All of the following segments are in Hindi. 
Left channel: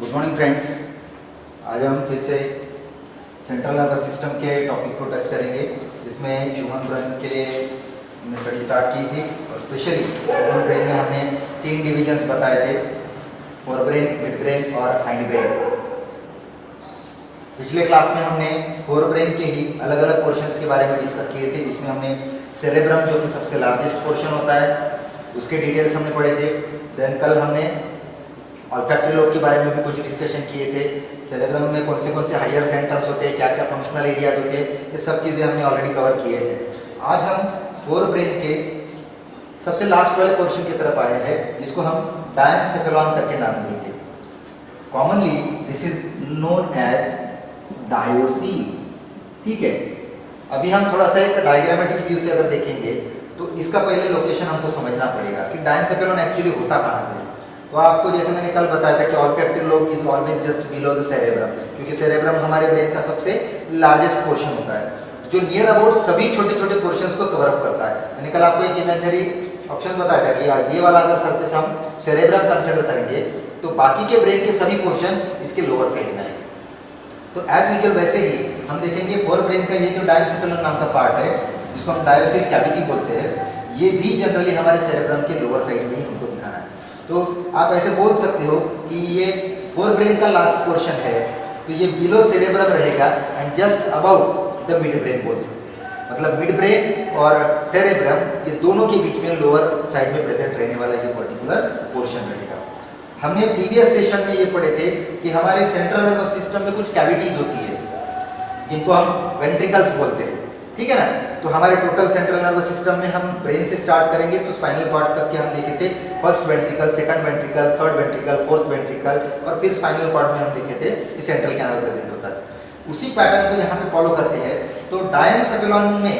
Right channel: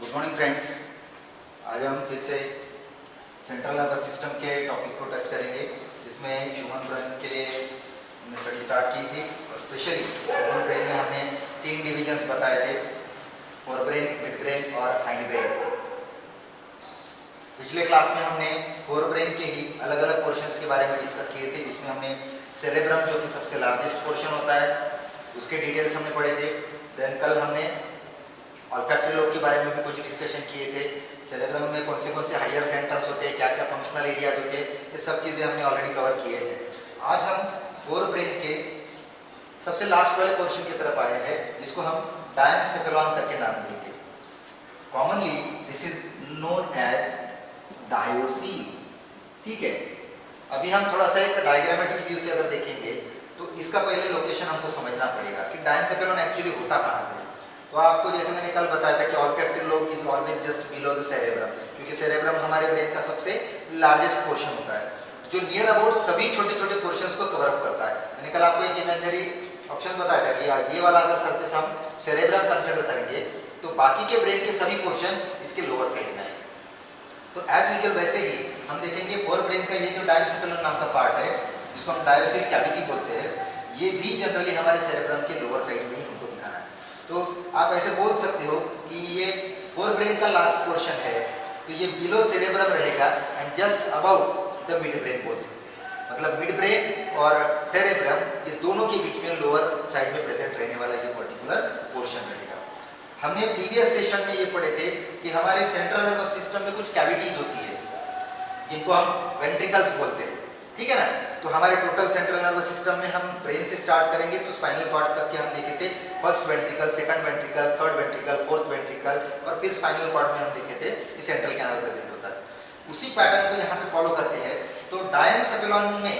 Good morning friends. आज हम फिर से सेंट्रल नर्वस सिस्टम के टॉपिक को टच करेंगे, जिसमें ह्यूमन ब्रेन के लिए हमने स्टडी स्टार्ट की थी और स्पेशली ह्यूमन ब्रेन में हमने 3 डिविजन्स बताए थे, फोर ब्रेन, मिड ब्रेन और हाइंड ब्रेन। पिछले क्लास में हमने फोर ब्रेन के ही अलग अलग पोर्शंस के बारे में डिस्कस किए थे, जिसमें हमने सेरेब्रम जो कि सबसे लार्जेस्ट पोर्शन होता है उसके डिटेल्स हमने पढ़े थे। देन कल हमने ऑल्फैक्टरी लोब के बारे में भी कुछ डिस्कशन किए थे। सेरेब्रम में कौन से हायर सेंटर्स होते हैं, क्या क्या फंक्शनल एरियाज होते हैं, ये सब चीज़ें हमने ऑलरेडी कवर किए हैं। आज हम फोर ब्रेन के सबसे लास्ट वाले पोर्शन की तरफ आए हैं, जिसको हम डायनसेफेलॉन करके नाम देंगे। Commonly this is known as diocoel. ठीक है, अभी हम थोड़ा सा एक डायग्रामेटिक व्यू से अगर देखेंगे तो इसका पहले लोकेशन हमको समझना पड़ेगा कि डायनसेफेलॉन एक्चुअली होता कहाँ है। तो आपको जैसे मैंने कल बताया था कि olfactory lobe is always just below the cerebrum, क्योंकि सेरेब्रम हमारे ब्रेन का सबसे लार्जेस्ट पोर्शन होता है, जो नियर अबाउट सभी छोटे छोटे पोर्शंस को कवर अप करता है। मैंने कल आपको एक इमेजिनरी ऑप्शन बताया था कि ये वाला अगर सरफेस हम सेरेब्रम कंसिडर करेंगे तो बाकी के ब्रेन के सभी पोर्शन इसके लोअर साइड में आएंगे। तो एज यूजुअल वैसे ही हम देखेंगे फोर ब्रेन का ये जो डायनसेफेलॉन नाम का पार्ट है, जिसको हम डायोसिल कैविटी बोलते हैं, ये भी जनरली हमारे सेरेब्रम के लोअर साइड में ही हमको दिखाना है। तो आप ऐसे बोल सकते हो कि ये फोर ब्रेन का लास्ट पोर्शन है, तो ये बिलो सेरेब्रम रहेगा and just above the mid brain बोल सकते हैं। मतलब मिड ब्रेन और सेरेब्रम ये दोनों के बीच में लोअर साइड में प्रेजेंट रहने वाला ये पर्टिकुलर पोर्शन रहेगा। हमने प्रीवियस सेशन में ये पढ़े थे कि हमारे सेंट्रल नर्वस सिस्टम में कुछ कैविटीज होती है जिनको हम वेंट्रिकल्स बोलते हैं। ठीक है ना, तो हमारे टोटल सेंट्रल नर्वस सिस्टम में हम ब्रेन से स्टार्ट करेंगे तो स्पाइनल कॉर्ड तक के हम देखे थे first ventricle, second ventricle, third ventricle, fourth ventricle, और फिर स्पाइनल कॉर्ड में हम देखे थे कि सेंट्रल कैनाल प्रेजेंट होता है। उसी पैटर्न को यहाँ पे फॉलो करते हैं। तो डायनसेफेलॉन में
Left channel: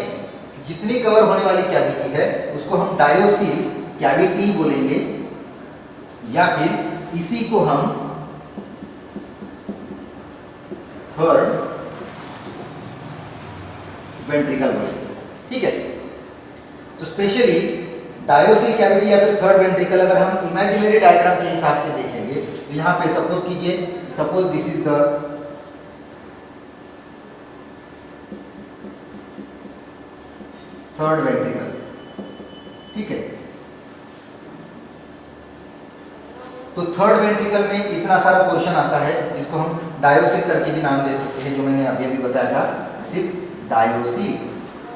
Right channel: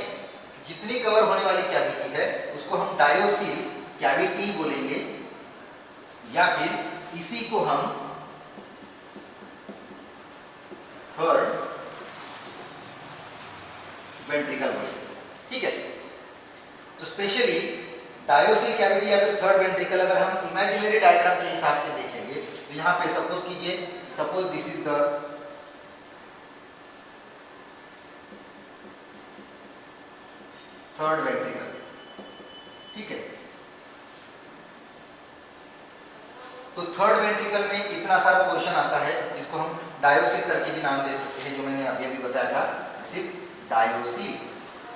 जितनी कवर होने वाली कैविटी है उसको हम डायोसील कैविटी बोलेंगे, या फिर इसी को हम थर्ड वेंट्रिकल बोलेंगे। ठीक है, तो स्पेशली डायोसिल कैविटी या फिर थर्ड वेंट्रिकल अगर हम इमेजिनरी डायग्राम के हिसाब से देखेंगे तो यहां पे सपोज कीजिए, suppose this is the third ventricle. ठीक है, तो थर्ड वेंट्रिकल में इतना सारा पोर्शन आता है जिसको हम डायोसिल करके भी नाम दे सकते हैं, जो मैंने अभी अभी बताया था, दिस इज डायोसील।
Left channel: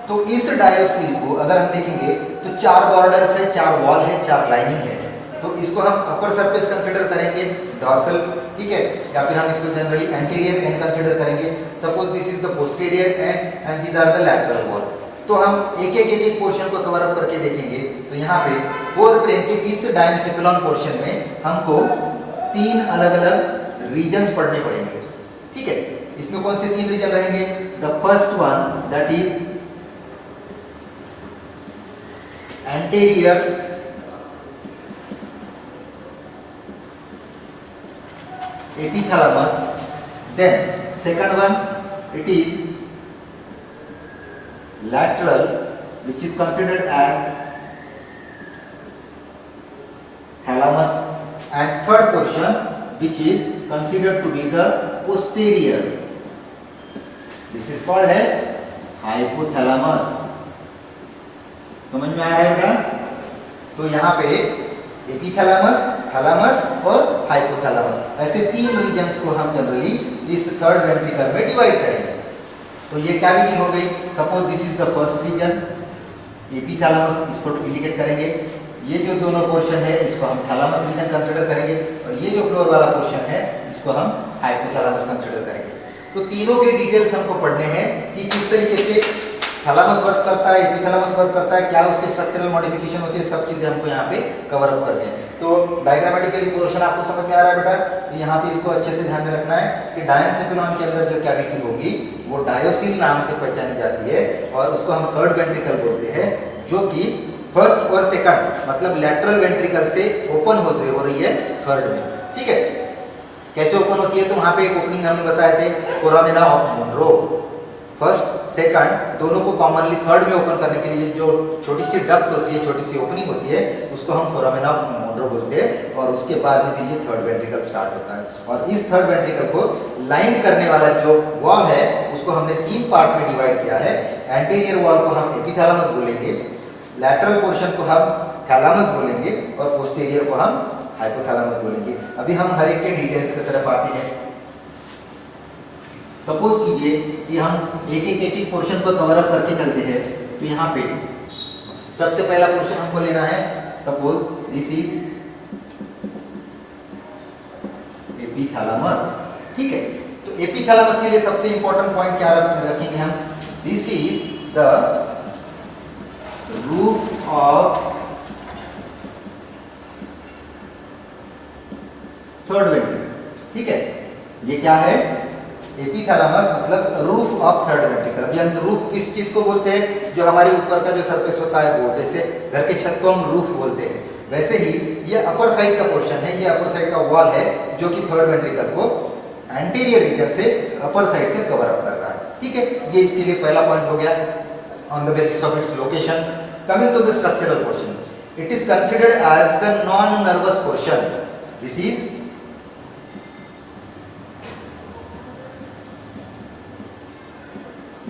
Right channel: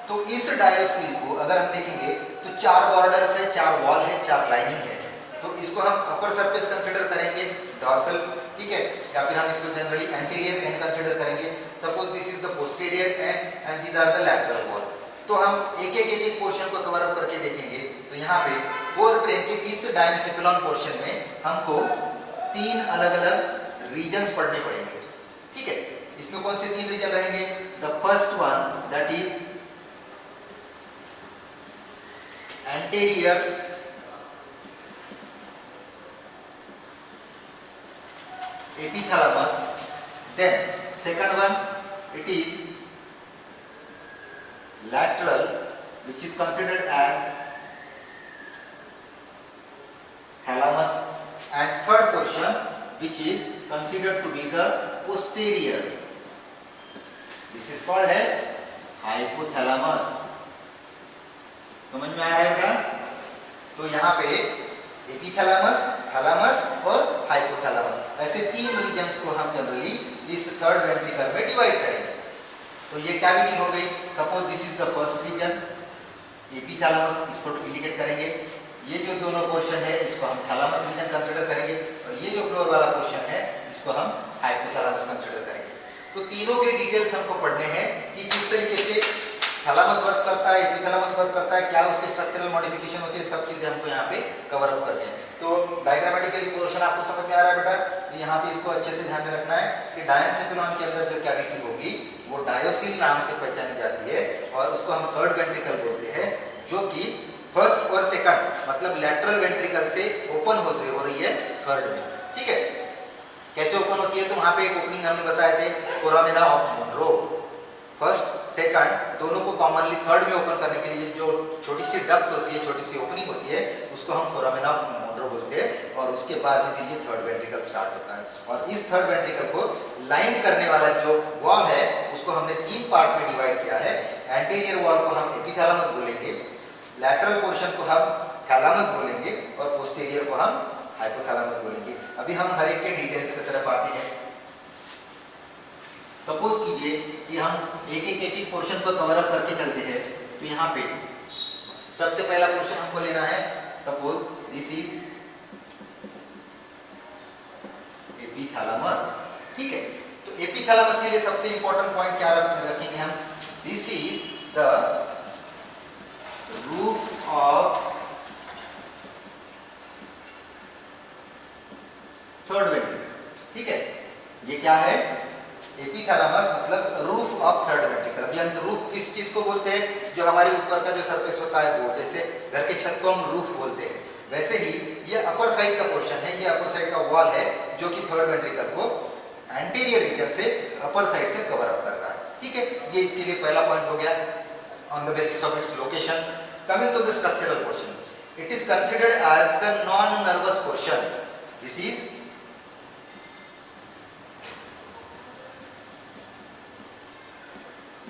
तो इस डायोसील को अगर हम देखेंगे तो 4 बॉर्डर्स है, 4 वॉल है, 4 लाइनिंग है। तो इसको हम अपर सरफेस कंसीडर करेंगे, डॉर्सल। ठीक है, या फिर हम इसको जनरली एंटीरियर एंड कंसीडर करेंगे। Suppose this is the posterior end these are the lateral wall. तो हम एक पोर्शन को कवर अप करके देखेंगे तो यहाँ पे फोर ब्रेन के इस डायनसेफेलॉन पोर्शन में हमको 3 अलग अलग रीजन्स पढ़ने पड़ेंगे। ठीक है, इसमें कौन से 3 रीजन रहेंगे? The first one that is anterior epithalamus, then second one it is lateral, which is considered as thalamus, and third portion which is considered to be the posterior, this is called as hypothalamus। समझ में आ रहा है बेटा? तो यहाँ पे एपिथैलेमस, थैलेमस और हाइपोथैलेमस, ऐसे 3 रीजन्स को हम जनरली इस थर्ड वेंट्रिकल में डिवाइड करेंगे। तो ये कैविटी हो गई। Suppose this is the first region, epithalamus, इसको इंडिकेट करेंगे। ये जो दोनों पोर्शन है इसको हम थैलेमस रीजन कंसीडर करेंगे, और ये जो फ्लोर वाला पोर्शन है इसको हम हाइपोथैलेमस कंसीडर करेंगे। तो तीनों के डिटेल्स हमको पढ़ने हैं कि किस तरीके से थैलेमस वर्क करता है, एपिथैलेमस वर्क करता है, क्या उसके स्ट्रक्चरल मॉडिफिकेशन होती है, सब चीजें हमको यहाँ पे कवर अप करनी है। तो डायग्रामेटिकली पोर्शन आपको समझ में आ रहा है बेटा? तो यहाँ पे इसको अच्छे से ध्यान में रखना है कि डायनसेफेलॉन के अंदर जो कैविटी होगी वो डायोसील नाम से पहचानी जाती है, और उसको हम थर्ड वेंट्रिकल बोलते हैं, जो कि फर्स्ट और सेकंड मतलब लैटरल वेंट्रिकल से ओपन हो रही है थर्ड में। ठीक है, कैसे ओपन होती है? तो वहां पे एक ओपनिंग हमने बताए थे, foramina of Monro, first second दोनों को कॉमनली थर्ड में ओपन करने के लिए जो छोटी सी डक्ट होती है, छोटी सी ओपनिंग होती है, उसको हम फोरामेना मोंड्रो बोलते हैं और उसके बाद में फिर ये थर्ड वेंट्रिकल स्टार्ट होता है। और इस थर्ड वेंट्रिकल को लाइन करने वाला जो वॉल है उसको हमने 3 पार्ट में डिवाइड किया है। एंटीरियर वॉल को हम एपिथैलेमस बोलेंगे, लैटरल पोर्शन को हम थैलेमस बोलेंगे और पोस्टीरियर को हम हाइपोथैलेमस बोलेंगे। अभी हम हर एक के डिटेल्स की तरफ आते हैं। सपोज कीजिए कि हम एक पोर्शन को कवर अप करके चलते हैं, तो यहाँ पे सबसे पहला पोर्शन हमको लेना है। सपोज दिस इज एपिथैलेमस, ठीक है। तो एपिथैलेमस के लिए सबसे इंपॉर्टेंट पॉइंट क्या रखेंगे हम? This is the root of third ventricle, ठीक है। ये क्या है? एपिथैलेमस मतलब रूफ ऑफ थर्ड वेंट्रिकल। अभी हम रूफ किस चीज को बोलते हैं? जो हमारे ऊपर का जो सरफेस होता है वो, जैसे घर के छत को हम रूफ बोलते हैं, वैसे ही ये अपर साइड का पोर्शन है, ये अपर साइड का वॉल है जो कि थर्ड वेंट्रिकल को एंटीरियर रीजन से अपर साइड से कवर अप कर रहा है, ठीक है। ये इसके लिए पहला पॉइंट हो गया on the basis of its location. Coming to the structural portion, it is considered as the non nervous portion. This is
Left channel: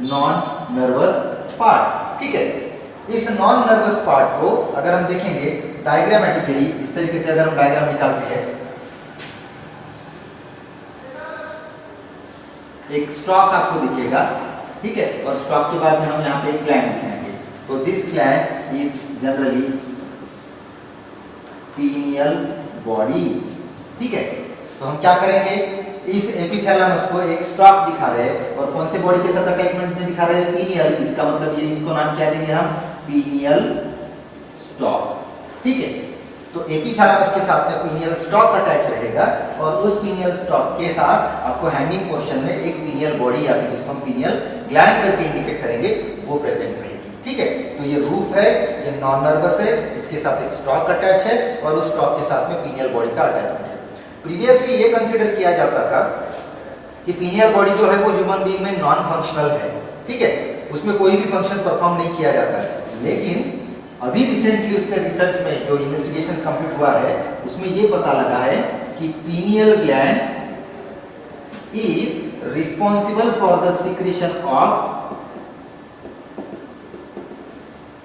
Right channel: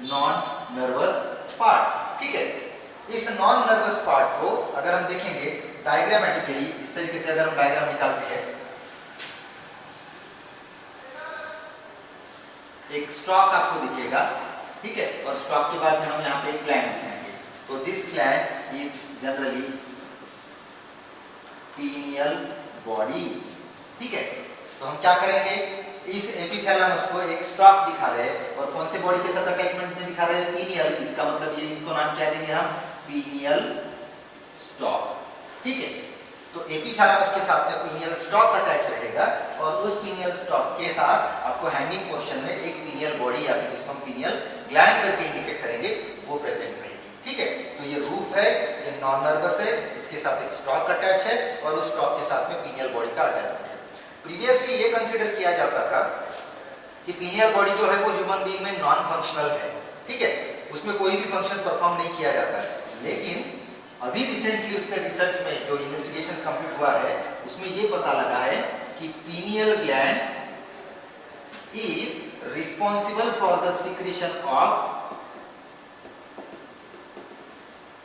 non nervous part, ठीक है। इस नॉन नर्वस पार्ट को अगर हम देखेंगे डायग्रामेटिकली, इस तरीके से अगर हम डायग्राम निकालते हैं, एक स्टॉक आपको दिखेगा, ठीक है, और स्टॉक के बाद में हम यहाँ पे एक ग्लैंड दिखाएंगे। तो this gland is generally pineal body, ठीक है। तो हम क्या करेंगे? इस एपिथैलेमस को एक स्टॉक दिखा रहे हैं और कौन से बॉडी के साथ अटैचमेंट में दिखा रहे हैं? पीनियल। इसका मतलब ये, इसको नाम क्या देंगे हम? पीनियल स्टॉक, ठीक है। तो एपिथैलेमस के साथ में पीनियल स्टॉक अटैच रहेगा और उस पीनियल स्टॉक के साथ आपको हैंगिंग पोर्शन में एक पीनियल बॉडी या फिर जिसको हम पीनियल ग्लैंड करके इंडिकेट करेंगे वो प्रेजेंट रहेगी, ठीक है। तो ये रूफ है, ये नॉन नर्वस है, इसके साथ एक स्टॉक अटैच है और उस स्टॉक के साथ में पीनियल बॉडी का अटैचमेंट है। प्रीवियसली ये कंसीडर किया जाता था कि पीनियल बॉडी जो है वो ह्यूमन बीइंग में नॉन फंक्शनल है, ठीक है, उसमें कोई भी फंक्शन परफॉर्म नहीं किया जाता है। लेकिन अभी रिसेंटली उसके रिसर्च में जो इन्वेस्टिगेशन कंप्लीट हुआ है उसमें ये पता लगा है कि pineal gland is responsible for the secretion of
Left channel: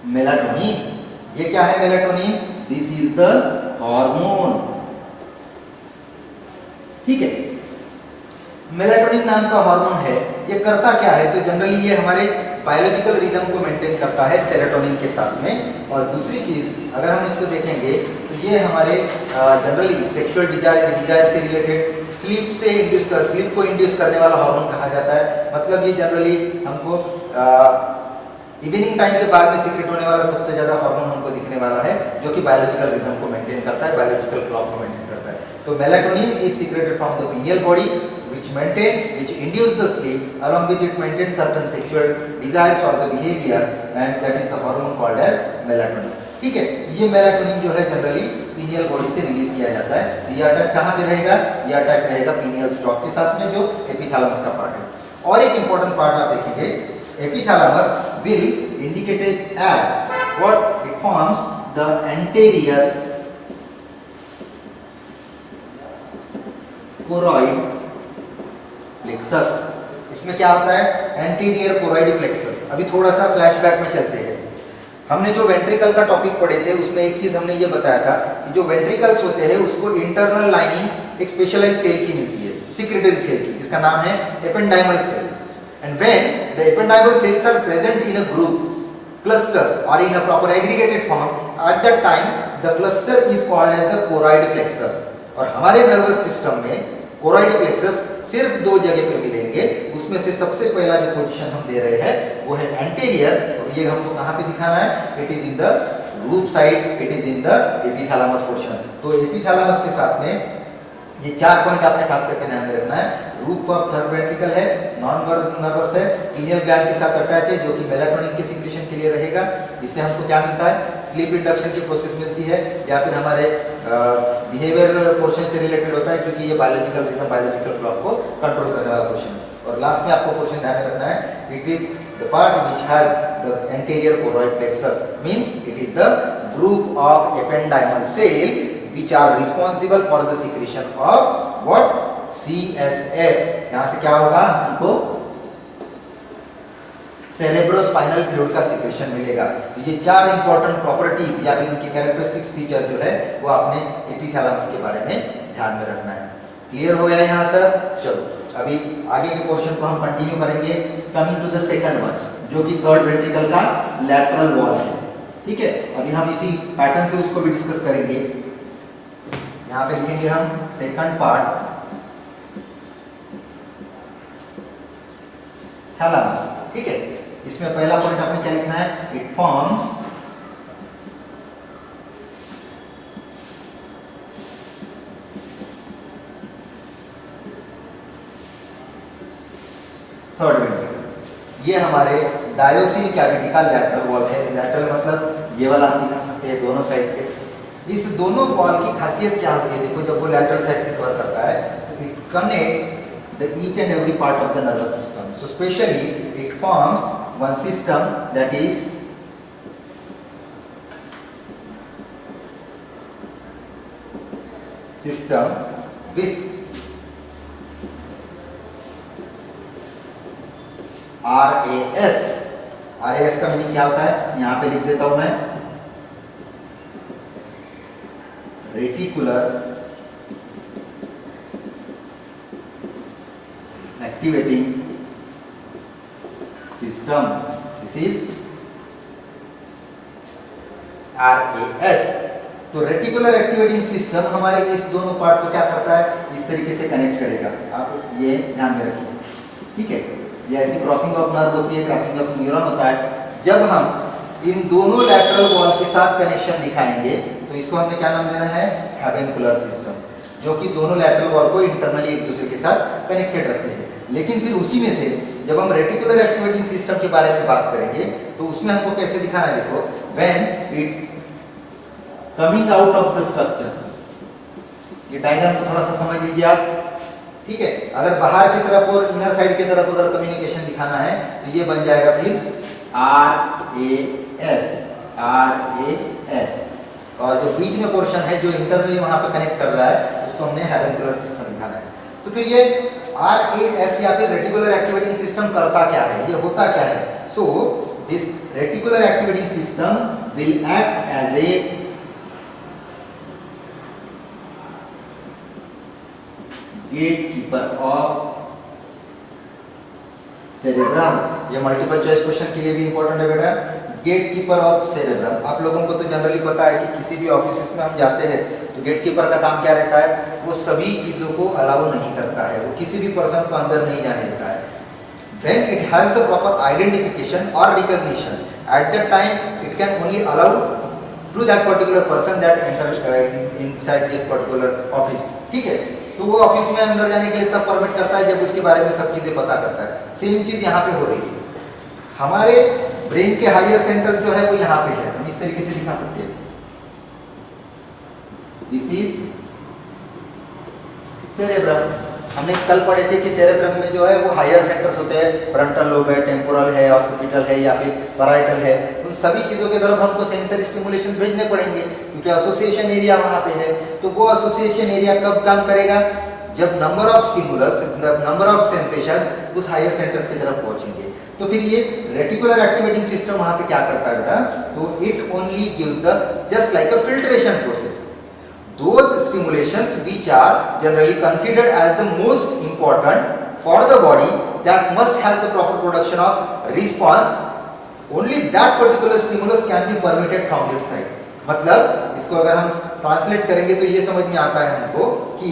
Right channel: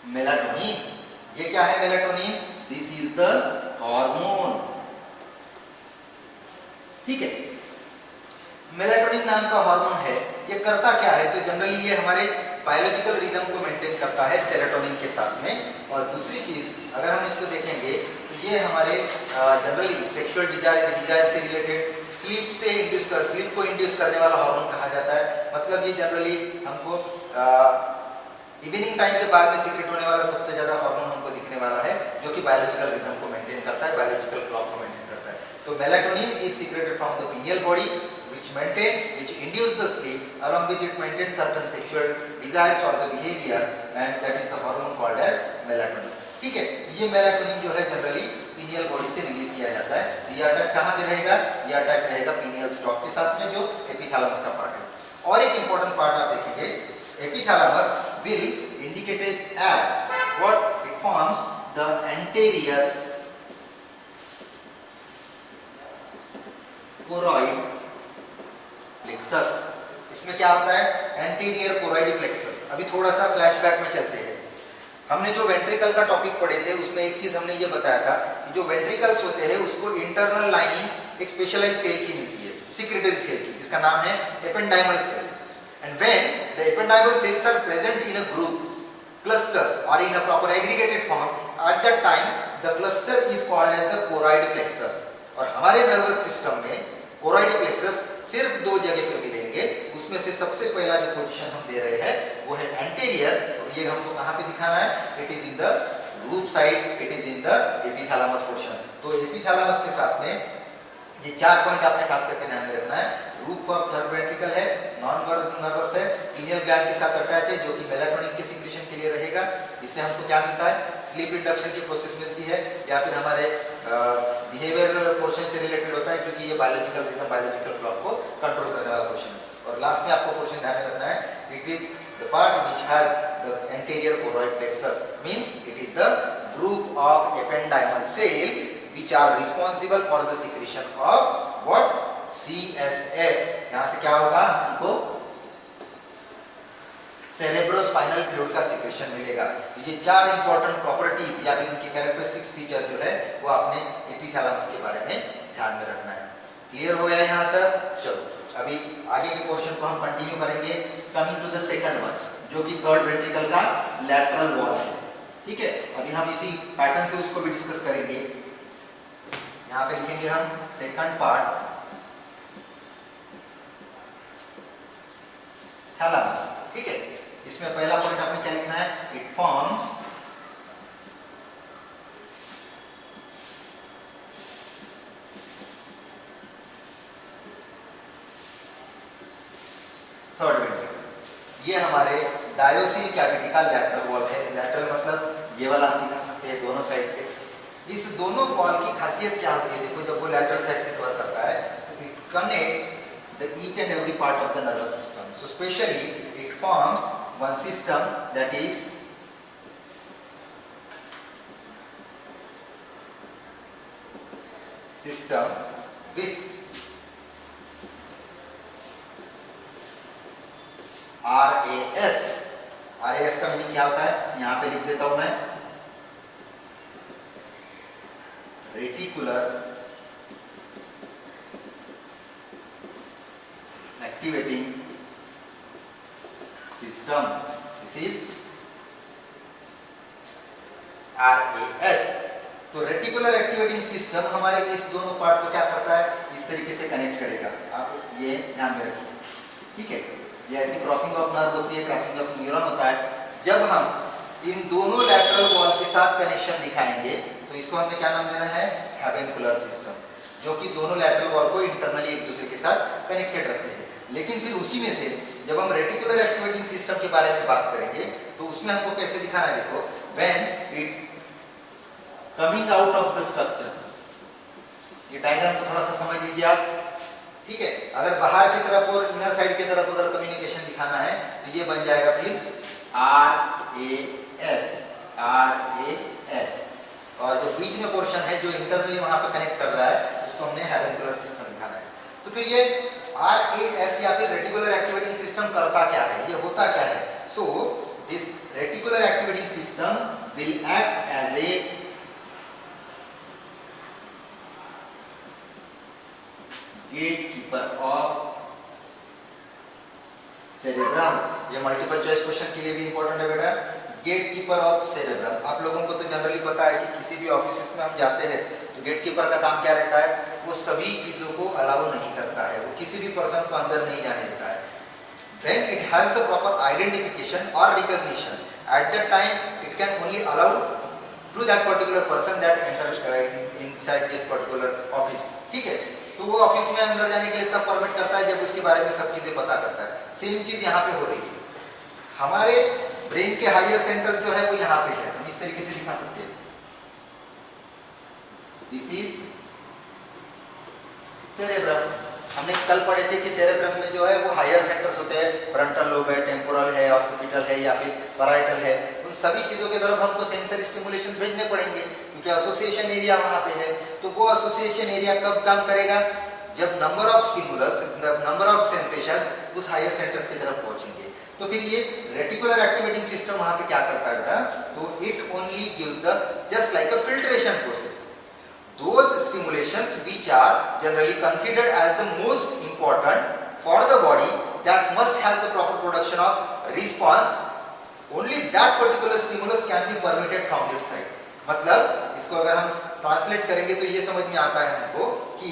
melatonin. ये क्या है melatonin? This is the hormone, ठीक है। मेलाटोनिन नाम का हार्मोन है, ये करता क्या है? तो जनरली ये हमारे बायोलॉजिकल रिदम को मेंटेन करता है सेरोटोनिन के साथ में। और दूसरी चीज अगर हम इसको देखेंगे तो ये हमारे जनरली सेक्सुअल डिजायर से रिलेटेड, स्लीप को इंड्यूस करने वाला हार्मोन कहा जाता है। मतलब ये जनरली हमको इवनिंग टाइम के बाद में सीक्रेट होने वाला सबसे ज्यादा हार्मोन हमको दिखने वाला है जो कि बायोलॉजिकल रिदम को मेंटेन करता है, बायोलॉजिकल क्लॉक को मेंटेन करता है। तो melatonin is secreted from the pineal body which induce the sleep, along with it maintain certain sexual desires or the behavior, and that is the hormone called as melatonin, ठीक है। ये मेलाटोनिन जो है जनरली पीनियल बॉडी से रिलीज किया जाता है। ये अटैच कहाँ पे रहेगा? ये अटैच रहेगा पीनियल स्टॉक के साथ में जो एपिथैलेमस का पार्ट है। और एक इंपॉर्टेंट पार्ट आप देखेंगे, epithalamus will indicated as what? It forms the anterior choroid plexus। इसमें क्या होता है? Anterior choroid plexus. अभी थोड़ा सा फ्लैशबैक में चलते हैं। हमने जो वेंट्रिकल का टॉपिक पढ़े थे उसमें एक चीज हमने ये बताया था कि जो वेंट्रिकल्स होते हैं उसको इंटरनल लाइनिंग एक स्पेशलाइज्ड सेल की मिलती है, सिक्रेटरी सेल की, जिसका नाम है ependymal cell. And when the ependymal cells are present in a group, cluster or in a proper aggregated form, at that time the cluster is called as the choroid plexus। और हमारे नर्वस सिस्टम में choroid plexus सिर्फ दो जगह पे मिलेंगे, उसमें से सबसे पहला जो पोजीशन हम दे रहे हैं वो है एंटीरियर, और ये हमको कहाँ पे दिखाना है? It is in the root side, it is in the epithalamus portion. तो एपिथैलेमस के साथ में ये 4 पॉइंट आपने खास करके ध्यान में रखना है। रूफ ऑफ थर्ड वेंट्रिकल है, नॉन नर्वस है, पीनियल ग्लैंड के साथ अटैच है जो कि मेलाटोनिन के सिक्रीशन के लिए रहेगा। इससे हमको क्या मिलता है? स्लीप इंडक्शन की प्रोसेस मिलती है, या फिर हमारे बिहेवियर पोर्शन से रिलेटेड होता है क्योंकि ये बायोलॉजिकल क्लॉक को कंट्रोल करने वाला पोर्शन है। और लास्ट में आपको पोर्शन ध्यान में रखना है, it is The part which has the anterior choroid plexus means it is the group of ependymal cell which are responsible for the secretion of what? CSF. यहां से क्या होगा? हमको सेरेब्रोस्पाइनल फ्लूइड का सिक्रेशन मिलेगा। ये 4 इंपॉर्टेंट प्रॉपर्टीज या फिर उनके कैरेक्टरिस्टिक्स फीचर जो है वो आपने एपिथैलेमस के बारे में ध्यान में रखना है। क्लियर हो गया यहाँ तक? चलो अभी आगे के पोर्शन को हम कंटिन्यू करेंगे। Coming to the second one जो कि थर्ड वेंट्रिकल का लैटरल वॉल है। ठीक है, अभी हम इसी पैटर्न से उसको भी डिस्कस करेंगे। यहाँ पे लिखेंगे हम सेकंड पार्ट थैलेमस। ठीक है, इसमें पहला पॉइंट आपने क्या लिखना है? It forms third ventricle. ये हमारे डायोसिन कैविटी का लैटरल वॉल है। लैटरल मतलब ये वाला हम दिखा सकते हैं दोनों साइड से। इस दोनों वॉल की खासियत क्या होती है? देखो जब वो लैटरल साइड से कवर करता है तो it connect the each and every part of the nervous system. So specially it forms one system that is system with RAS. RAS का मीनिंग क्या होता है? यहां पे लिख देता हूं मैं, reticular activating system. This is RAS. तो रेटिकुलर एक्टिवेटिंग सिस्टम हमारे इस दोनों पार्ट को क्या करता है? इस तरीके से कनेक्ट करेगा। आप ये ध्यान में रखिए। ठीक है, ये ऐसी क्रॉसिंग ऑफ नर्व होती है, क्रॉसिंग ऑफ न्यूरॉन होता है। जब हम इन दोनों लैटरल वॉल के साथ कनेक्शन दिखाएंगे तो इसको हमने क्या नाम देना है? हैवेंकुलर सिस्टम, जो कि दोनों लैटरल वॉल को इंटरनली एक दूसरे के साथ कनेक्टेड रखते हैं। लेकिन फिर उसी में से जब हम रेटिकुलर एक्टिवेटिंग सिस्टम के बारे में बात करेंगे तो उसमें हमको कैसे दिखाना है? देखो, when it coming out of the structure, ये डायग्राम को थोड़ा सा समझ लीजिए आप। ठीक है, अगर बाहर की तरफ और इनर साइड की तरफ अगर कम्युनिकेशन दिखाना है तो ये बन जाएगा फिर RAS। और जो बीच में पोर्शन है जो इंटरनली वहां पे कनेक्ट कर रहा है उसको हमने हैवेंकुलर सिस्टम दिखाना है। तो फिर ये RAS या फिर रेटिकुलर एक्टिवेटिंग सिस्टम करता क्या है? ये होता क्या है? So this reticular activating system will act as a gatekeeper of cerebrum. ये मल्टीपल चॉइस क्वेश्चन के लिए भी इंपॉर्टेंट है बेटा। Gatekeeper of cerebrum. आप लोगों को तो जनरली पता है कि किसी भी ऑफिस में हम जाते हैं तो गेटकीपर का काम क्या रहता है? वो सभी चीजों को अलाउ नहीं करता है, वो किसी भी पर्सन को अंदर नहीं जाने देता है। When it has the proper identification or recognition, at that time it can only allow to that particular person that enters inside that particular office. ठीक है, तो वो ऑफिस में अंदर जाने के लिए तब परमिट करता है जब उसके बारे में सब चीजें पता करता है। सेम चीज यहाँ पे हो रही है। हमारे ब्रेन के हायर सेंटर जो है वो यहाँ पे है, हम इस तरीके से दिखा सकते हैं। This is cerebrum. हमने कल पढ़े थे कि सेरेब्रम में जो है वो हायर सेंटर्स होते हैं, फ्रंटल लोब है, टेम्पोरल है, ऑक्सीपिटल है या फिर पैराइटल है। उन सभी चीजों की तरफ हमको सेंसरी स्टिमुलेशन भेजने पड़ेंगे क्योंकि एसोसिएशन एरिया वहां पे है। तो वो एसोसिएशन एरिया कब काम करेगा? जब number of stimulus, number of sensation उस हायर सेंटर्स की तरफ पहुंचेंगे। तो फिर ये रेटिकुलर एक्टिवेटिंग सिस्टम वहां पे क्या करता है बेटा? तो it only gives the just like a filtration process those stimulations which are generally considered as the most important for the body that must have the proper production of response, only that particular stimulus can be permitted from this side. मतलब इसको अगर हम ट्रांसलेट करेंगे तो ये समझ में आता है हमको कि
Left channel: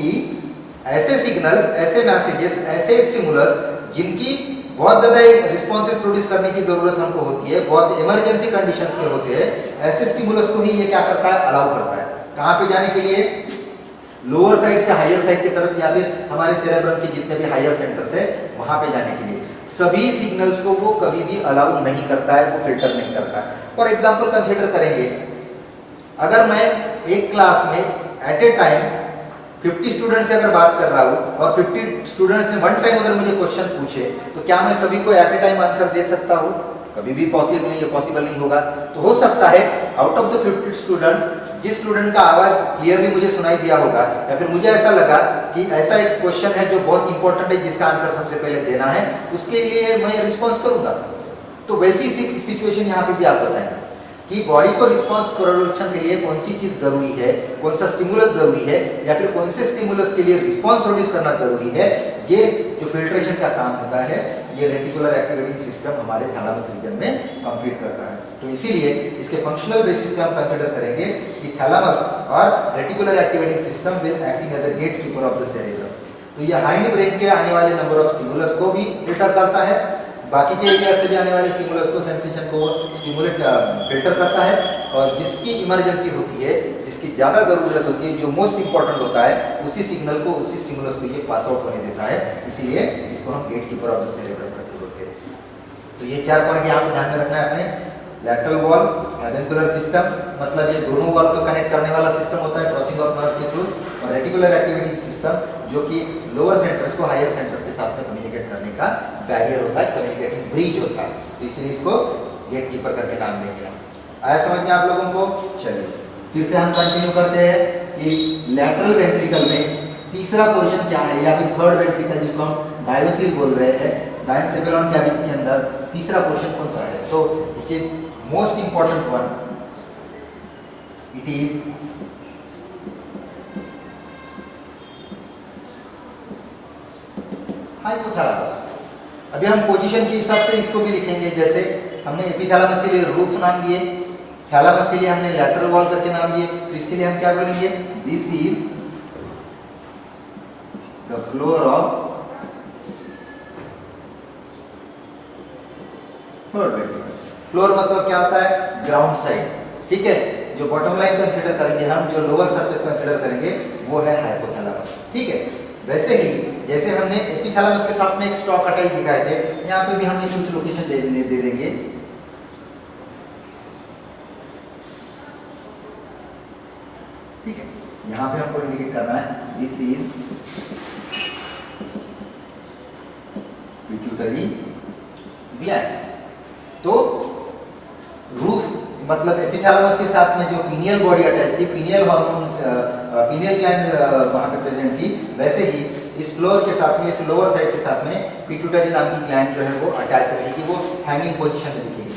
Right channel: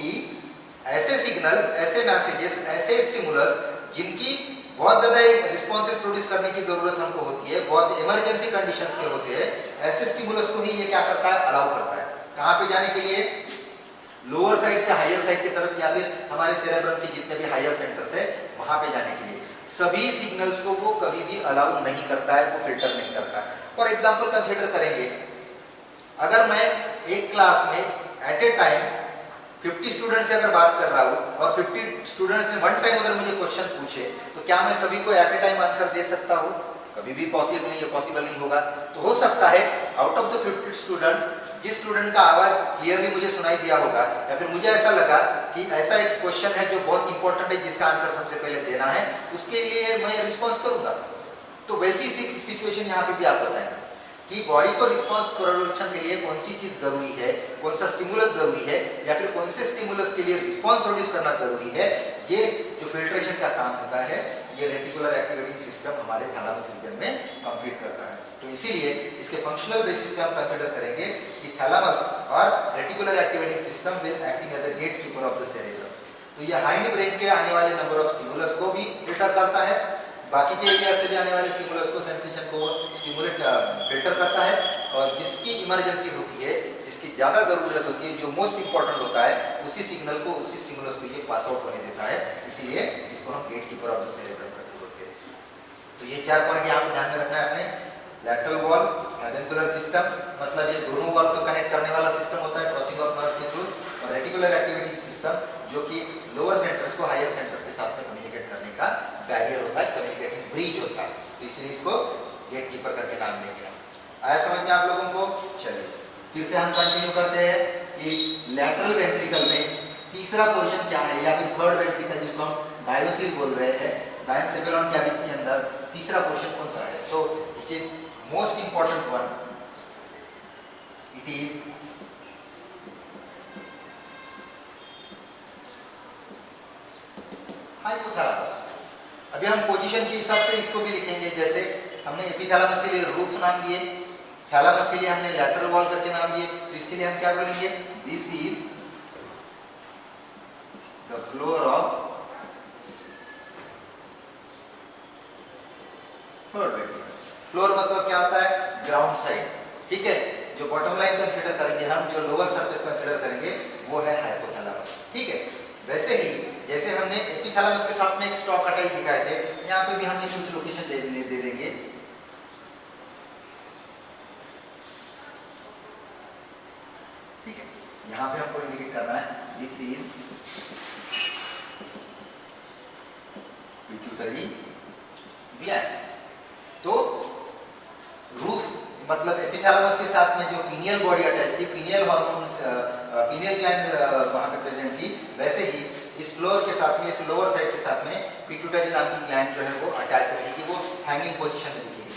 ऐसे सिग्नल्स, ऐसे मैसेजेस, ऐसे स्टिमुलस जिनकी बहुत ज्यादा रिस्पॉन्सेस प्रोड्यूस करने की जरूरत हमको होती है, बहुत इमरजेंसी कंडीशंस के होते हैं, ऐसे स्टिमुलस को ही ये क्या करता है? अलाउ करता है। कहां पे जाने के लिए? लोअर साइड से हायर साइड की तरफ या फिर हमारे सेरेब्रम के जितने भी हायर सेंटर्स है वहां पे जाने के लिए। सभी सिग्नल्स को वो कभी भी अलाउ नहीं करता है, वो फिल्टर नहीं करता है। फॉर एग्जांपल कंसीडर करेंगे, अगर मैं एक क्लास में एट ए टाइम 50 स्टूडेंट से अगर बात कर रहा हूँ और 50 स्टूडेंट्स ने वन टाइम अगर मुझे क्वेश्चन पूछे तो क्या मैं सभी को एट ए टाइम आंसर दे सकता हूँ? कभी भी पॉसिबल नहीं होगा। तो हो सकता है आउट ऑफ द 50 स्टूडेंट्स जिस स्टूडेंट का आवाज क्लियरली मुझे सुनाई दिया होगा या फिर मुझे ऐसा लगा कि ऐसा एक क्वेश्चन है जो बहुत इंपॉर्टेंट है जिसका आंसर सबसे पहले देना है, उसके लिए मैं रिस्पॉन्स करूंगा। तो वैसी सिचुएशन यहाँ पे भी आप बताएंगे कि बॉडी को रिस्पॉन्स प्रोडक्शन के लिए कौन सी चीज जरूरी है, कौन सा स्टिमुलस जरूरी है या फिर कौन से स्टिमुलस के लिए रिस्पॉन्स प्रोड्यूस करना जरूरी है। ये जो फिल्ट्रेशन का काम होता है ये रेटिकुलर एक्टिवेटिंग सिस्टम हमारे थैलेमस रीजन में कंप्लीट करता है। तो इसीलिए इसके फंक्शनल बेसिस पे हम कंसीडर करेंगे कि थैलेमस और reticular activating system will acting as a gatekeeper of the cerebrum. तो ये हाइंड ब्रेन के आने वाले नंबर ऑफ स्टिमुलस को भी फिल्टर करता है, बाकी के एरिया से भी आने वाले स्टिमुलस को सेंसेशन को स्टिमुलेट फिल्टर करता है, और जिसकी इमरजेंसी होती है, जिसकी ज्यादा जरूरत होती है, जो मोस्ट इंपॉर्टेंट होता है, उसी सिग्नल को उसी स्टिमुलस को ये पास आउट होने देता है। इसीलिए इसको हम gatekeeper of the cerebrum करके बोलते हैं। तो ये 4 पॉइंट यहाँ पे ध्यान में रखना है अपने। लैटरल वॉल, एवेंकुलर सिस्टम, मतलब ये दोनों वॉल को कनेक्ट करने वाला सिस्टम होता है क्रॉसिंग ऑफ नर्व के थ्रू, और रेटिकुलर एक्टिवेटिंग सिस्टम जो कि लोअर सेंटर्स को हायर सेंटर्स के साथ में कम्युनिकेट करने का बैरियर होता है, कम्युनिकेटिंग ब्रिज होता है। तो इसीलिए इसको गेट कीपर करके नाम देंगे। आया समझ में आप लोगों को? चलिए फिर से हम कंटिन्यू करते हैं कि लैटरल वेंट्रिकल में तीसरा पोर्शन क्या है, या फिर थर्ड वेंट्रिकल जिसको हम डायोसिल बोल रहे हैं, डायनसेफेलॉन कैविटी के अंदर तीसरा पोर्शन कौन सा है? So which is most important one, it is hypothalamus. अभी हम पोजीशन के हिसाब से इसको भी लिखेंगे, जैसे हमने एपिथैलेमस के लिए रूफ नाम दिए, थैलेमस के लिए हमने लैटरल वॉल करके नाम दिए, तो इसके लिए हम क्या बोलेंगे? This is the floor of floor ventricle. Floor मतलब क्या होता है? ग्राउंड साइड, ठीक है। जो बॉटम लाइन कंसीडर करेंगे हम, जो लोअर सरफेस कंसीडर करेंगे, वो है हाइपोथैलेमस, ठीक है। वैसे ही जैसे हमने एपिथैलेमस के साथ में एक स्टॉक अटैच दिखाए थे, यहाँ पे भी हमें कुछ लोकेशन दे देंगे। ठीक है, यहाँ पे हमको इंडिकेट करना है दिस इज पिट्यूटरी ग्लैंड। तो रूफ मतलब एपिथैलेमस के साथ में जो पीनियल बॉडी अटैच थी, पीनियल हार्मोन, पीनियल ग्लैंड वहां पे प्रेजेंट थी, वैसे ही इस फ्लोर के साथ में, इस लोअर साइड के साथ में पिट्यूटरी नाम की ग्लैंड जो है वो अटैच रहेगी, वो हैंगिंग पोजीशन में दिखेगी।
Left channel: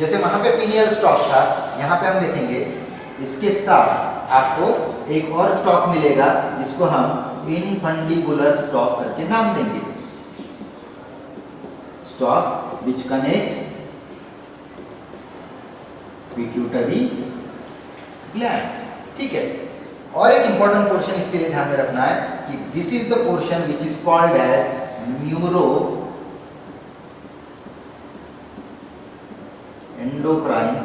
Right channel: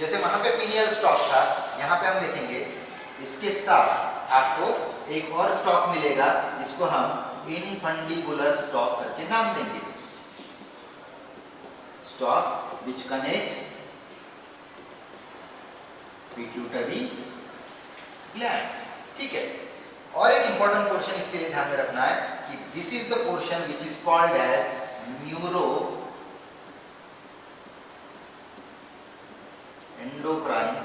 जैसे वहां पे पीनियल स्टॉक था, यहाँ पे हम देखेंगे इसके साथ आपको एक और स्टॉक मिलेगा जिसको हम इनफंडिबुलर स्टॉक करके नाम देंगे, stock which connect pituitary gland, ठीक है। और एक इंपॉर्टेंट पोर्शन इसके लिए ध्यान में रखना है कि this is the portion which is called as neuroendocrine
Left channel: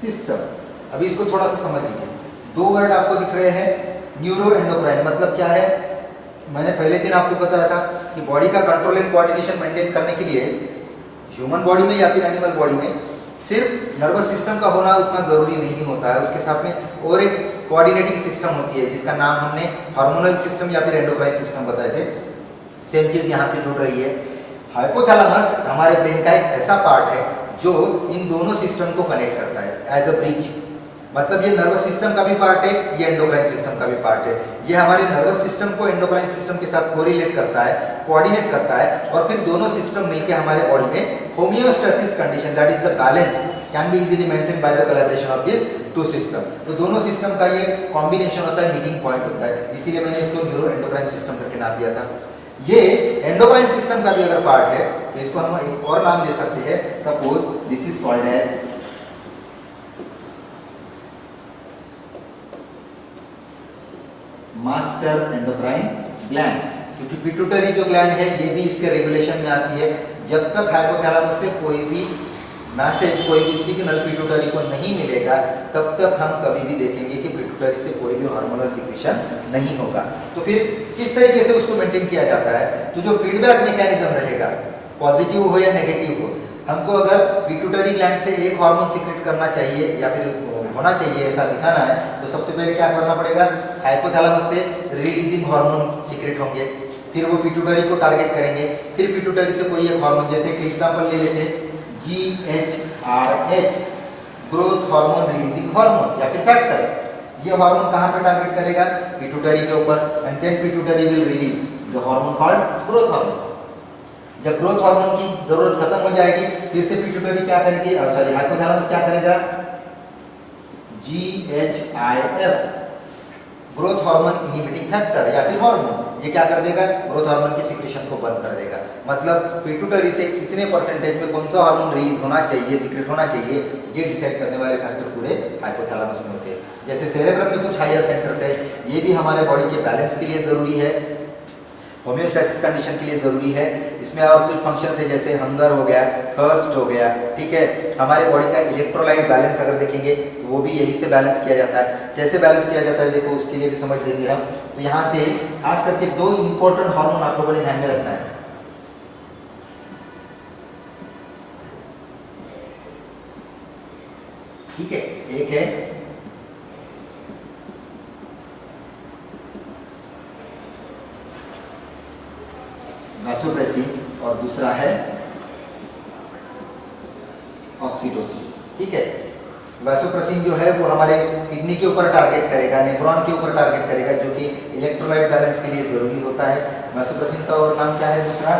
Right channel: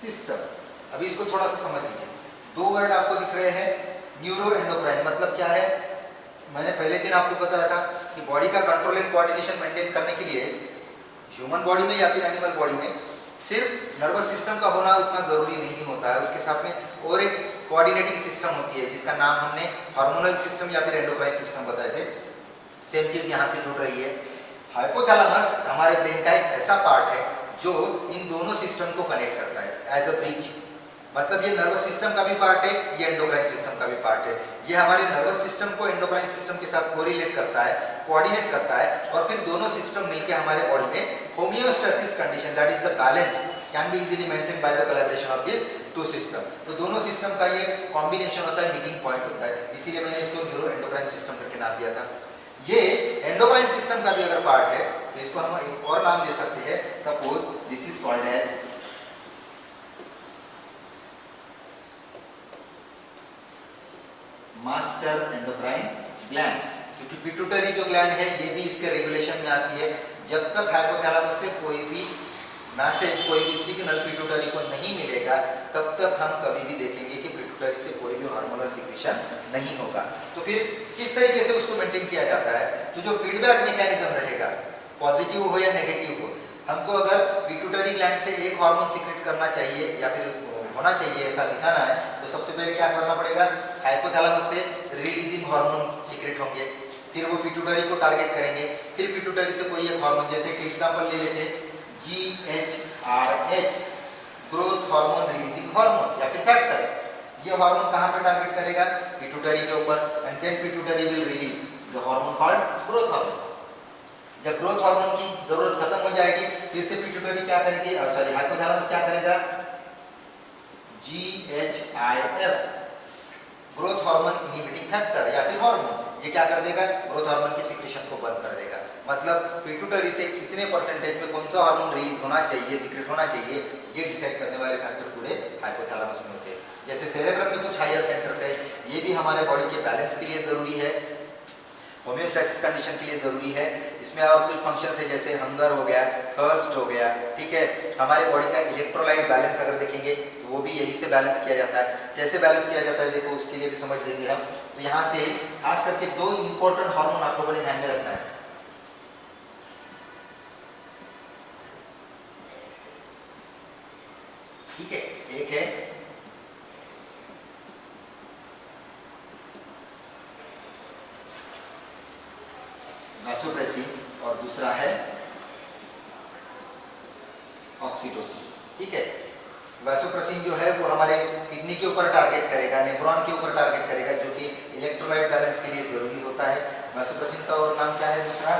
system. अभी इसको थोड़ा सा समझ लीजिए, 2 वर्ड आपको दिख रहे हैं। न्यूरो एंडोक्राइन मतलब क्या है? मैंने पहले दिन आपको बताया था कि बॉडी का कंट्रोल एंड कोऑर्डिनेशन मेंटेन करने के लिए ह्यूमन बॉडी में या फिर एनिमल बॉडी में सिर्फ नर्वस सिस्टम का होना उतना जरूरी नहीं होता है, उसके साथ में और एक कोऑर्डिनेटिंग सिस्टम होती है जिसका नाम हमने हार्मोनल सिस्टम या फिर एंडोक्राइन सिस्टम बताए थे। सेम चीज यहाँ से जुड़ रही है। हाइपोथैलेमस हमारे ब्रेन का एक ऐसा पार्ट है जो इन दोनों सिस्टम को कनेक्ट करता है एज अ ब्रिज। मतलब ये नर्वस सिस्टम का भी पार्ट है, ये एंडोक्राइन सिस्टम का भी पार्ट है। ये हमारे नर्वस सिस्टम को एंडोक्राइन सिस्टम के साथ कोरिलेट करता है, कोऑर्डिनेट करता है, और फिर दोनों सिस्टम मिलकर हमारे बॉडी में homeostasis condition, that is the balance, can be easily maintain by the collaboration of this two system. तो दोनों सिस्टम का ये कॉम्बिनेशन होता है, मीटिंग पॉइंट होता है, इसीलिए मैंने इसको न्यूरो एंडोक्राइन सिस्टम करके नाम दिया था। ये एंडोक्राइन सिस्टम का भी अगर पार्ट है तो इसको हम एक और नाम दे सकते हैं, suppose this is called as master endocrine gland, क्योंकि पिट्यूटरी जो ग्लैंड है ये भी इसके रेगुलेशन में आती है। जब तक हाइपोथैलेमस से कोई भी मैसेज, कोई भी सिग्नल पिट्यूटरी को नहीं मिलेगा, तब तक हम कभी भी देखेंगे कि पिट्यूटरी से कोई भी हार्मोनल सिक्रीशन नहीं होगा। तो फिर किस तरीके से उसको मेंटेन किया जाता है? तो जो फीडबैक मैकेनिज्म रहेगा, पॉजिटिव हो या नेगेटिव हो, हमको अगर पिट्यूटरी ग्लैंड से एक हार्मोन सीक्रेट करना चाहिए या फिर होना चाहिए ऐसा दिखाना है, तो सबसे पहले क्या करना पड़ेगा? हाइपोथैलेमस से रिलीजिंग हार्मोन सीक्रेट होंगे, फिर वो पिट्यूटरी को टारगेट करेंगे, फिर पिट्यूटरी से कोई एक हार्मोन, जैसे कि एग्जांपल ले लेते GHRH, growth hormone releasing hormone या फिर फैक्टर, ये हार्मोन कहां पे टारगेट करेगा? पिट्यूटरी के ऊपर, and then pituitary will release the hormone called growth hormone. जब ग्रोथ हार्मोन की जरूरत खत्म हो जाएगी, फिर से पिट्यूटरी क्या करेगी, सॉरी हाइपोथैलेमस क्या करेगा? GHIF, growth hormone inhibiting factor या फिर हार्मोन, ये क्या कर देगा? ग्रोथ हार्मोन की सिक्रेशन को बंद कर देगा। मतलब पिट्यूटरी से कितने परसेंटेज में कौन सा हार्मोन रिलीज होना चाहिए, सीक्रेट होना चाहिए, ये डिसाइड करने वाले फैक्टर पूरे हाइपोथैलेमस में होते हैं। जैसे सेरेब्रम में कुछ हायर सेंटर्स है, ये भी हमारे बॉडी के बैलेंस के लिए जरूरी है, होम्योस्टैसिस कंडीशन के लिए जरूरी है। इसमें और कुछ फंक्शंस है, जैसे हंगर हो गया, थर्स्ट हो गया, ठीक है। हमारे बॉडी का इलेक्ट्रोलाइट बैलेंस अगर देखेंगे तो वो भी यही से बैलेंस किया जाता है। कैसे बैलेंस किया जाता है देखो, उसके लिए भी समझ लेंगे हम। तो यहाँ से खास करके दो इंपॉर्टेंट हार्मोन आप लोगों ने ध्यान में रखना है। ठीक है, एक है वैसोप्रेसिन और दूसरा है ऑक्सीटोसिन। ठीक है, वैसोप्रेसिन जो है वो हमारे किडनी के ऊपर टारगेट करेगा, नेफ्रॉन के ऊपर टारगेट करेगा, जो कि इलेक्ट्रोलाइट बैलेंस के लिए जरूरी होता है। वैसोप्रेसिन का और नाम क्या है दूसरा?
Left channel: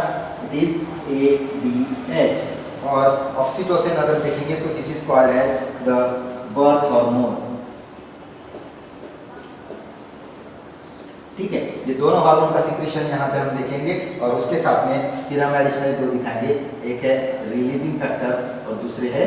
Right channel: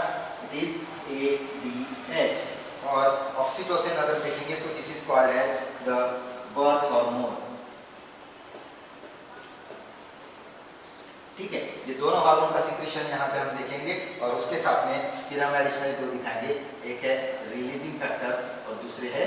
It is ADH। और ऑक्सीटोसिन अगर देखेंगे तो this is called as the birth hormone. ठीक है, ये दोनों हार्मोन का सिक्रेशन यहाँ पे हम देखेंगे, और उसके साथ में फिर हम एडिशनल दो दिखाएंगे, एक है रिलीजिंग फैक्टर और दूसरे है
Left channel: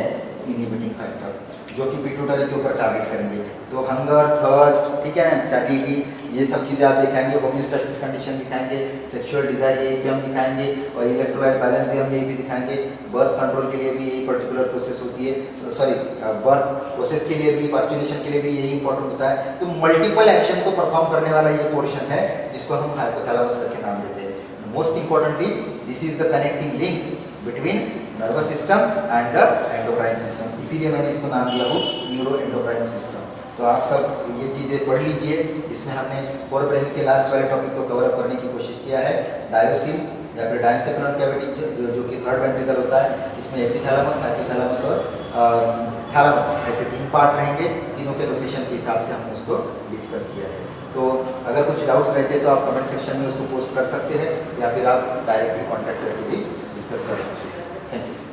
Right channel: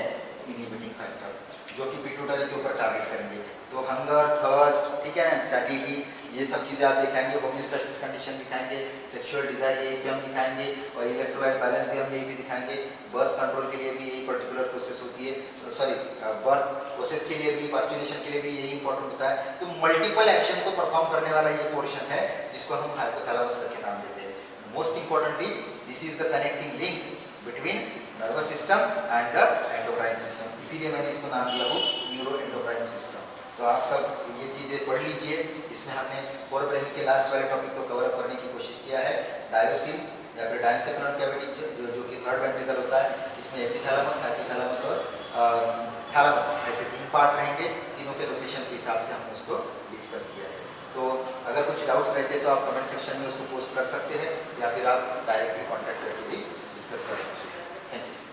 इनहिबिटिंग फैक्टर, जो कि पिट्यूटरी के ऊपर टारगेट करेंगे। तो हंगर, थर्स्ट, ठीक है ना, सैटिटी, ये सब चीजें आप दिखाएंगे, होम्योस्टैसिस कंडीशन दिखाएंगे, सेक्सुअल डिजायर ये भी हम दिखाएंगे, और इलेक्ट्रोलाइट बैलेंस भी हम ये भी दिखाएंगे। बर्थ कंट्रोल के लिए भी यही पर्टिकुलर प्रोसेस होती है, सॉरी बर्थ प्रोसेस के लिए भी, पर्क्यूलेशन के लिए भी यही इंपॉर्टेंट होता है। तो मल्टीपल एक्शन को परफॉर्म करने वाला ये पोर्शन है, जिसको हम हाइपोथैलेमस करके नाम देते हैं। Most importantly this is the connecting link between nervous system and the endocrine system, इसीलिए मैंने इसको नाम दिया हो न्यूरो एंडोक्राइन सिस्टम। तो आप सब ये चीजें पढ़ लीजिए। इसमें हमने फोरब्रेन के लास्ट वाले टॉपिक को कवर अप करने की कोशिश किया है। डायोसिन या फिर डायंसेफेलॉन कैविटी जो कि थर्ड वेंट्रिकल होता है, इसमें एपिथैलेमस, हाइपोथैलेमस और थैलेमस, ऐसे तीन पार्ट रहेंगे। तीनों के लोकेशन के हिसाब से हमने उसको डिस्कस किया है। तो अगर कुछ डाउट्स रहते तो आप कमेंट सेक्शन में उसको पोस्ट कर सकते हैं, या फिर आप डायरेक्टली कॉन्टैक्ट करके भी डिस्कस कर सकते हैं। Thank you.